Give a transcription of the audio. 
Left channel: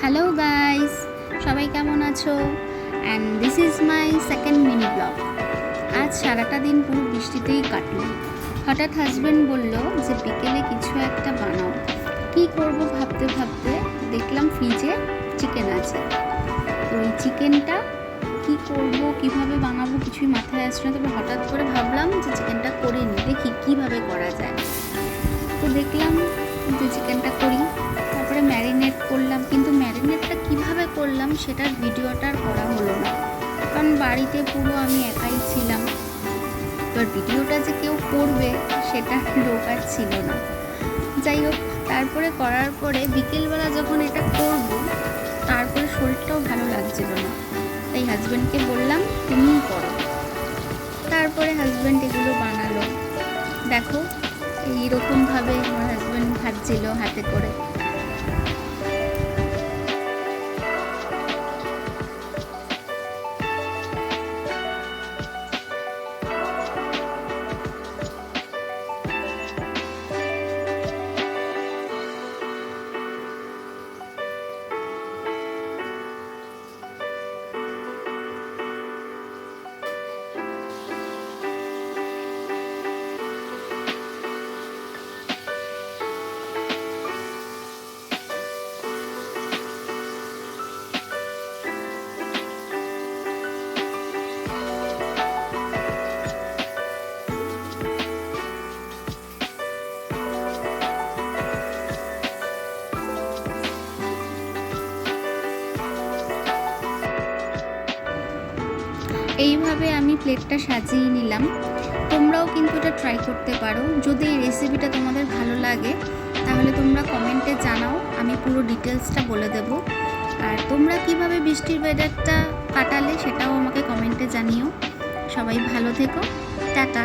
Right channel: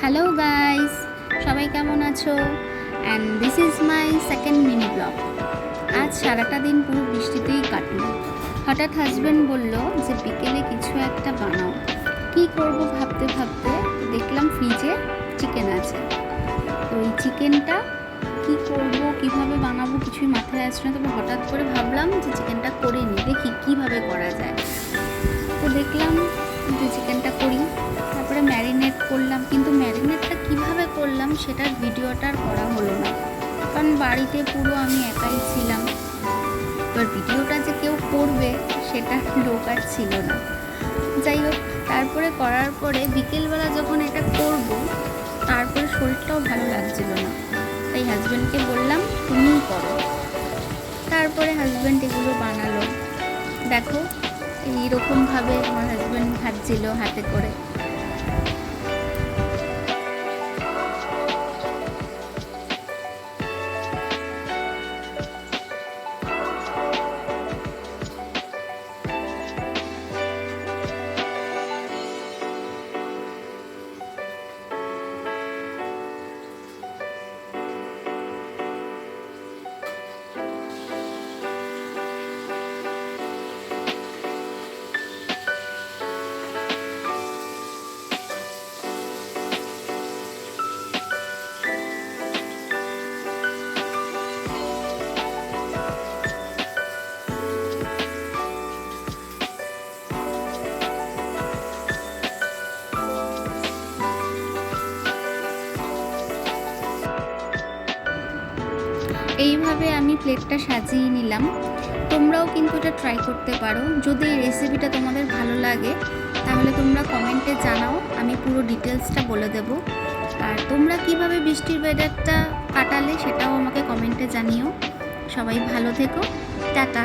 Hello guys, সবাই কেমন আছো? And this is my second mini blog. আজ সারাটা দিন পুরো বৃষ্টিতেই কাটলো। হঠাৎ হাজব্যান্ড বলল যে বিকেলে কিছু একটা বানাও। কি করব ভাবতে ভাবতে দেখলাম ফ্রিজে চিকেন আছে। তো এই চিকেনটা কি করব, কিভাবে বানাবো কিছুই মাথায় আসছে না। তবে হঠাৎ করে ভাবলাম যে চিকেনটা করে নিই, দেখি কীভাবে করা যায়। তো দেখলাম যে চিকেনটা করি, তারপরে ম্যারিনেট করলাম। কিন্তু ম্যারিনেটটা কিভাবে করলাম সেটার ভিডিওটা আর করা হলো না, কারণ বাড়িতে পুরো আমি একাই ছিলাম। এবার ভিডিওটা যে কেউ করবে সেটা লোক আর ছিল না। যাই হোক, তারপরে করার পরে বিকেলবেলা যখন এটা করব, তারপরে শরীরটাও ভালো লাগছিল না। তাই হাজব্যান্ডকে বললাম তুমিই করো। তারপরে হাজব্যান্ড এগুলো বানালো। দেখো, এইরকমভাবে আমার হাজব্যান্ড ভাজছিল হাতে করে। এইভাবে আমি প্লেটটা সাজিয়ে নিলাম। তোমরাও কিন্তু এটা ট্রাই করতে পারো। যদি এই রেসিপিটা তোমাদের ভালো লাগে তাহলে তোমরা কমেন্টে জানাও, আমি পুরো ডিটেলসটা বলে দেব। আর তোমরা কিভাবে বৃষ্টির ওয়েদারটা কাটালে সেটাও আমাকে কমেন্টে জানিও। সবাই ভালো থেকো, টাটা।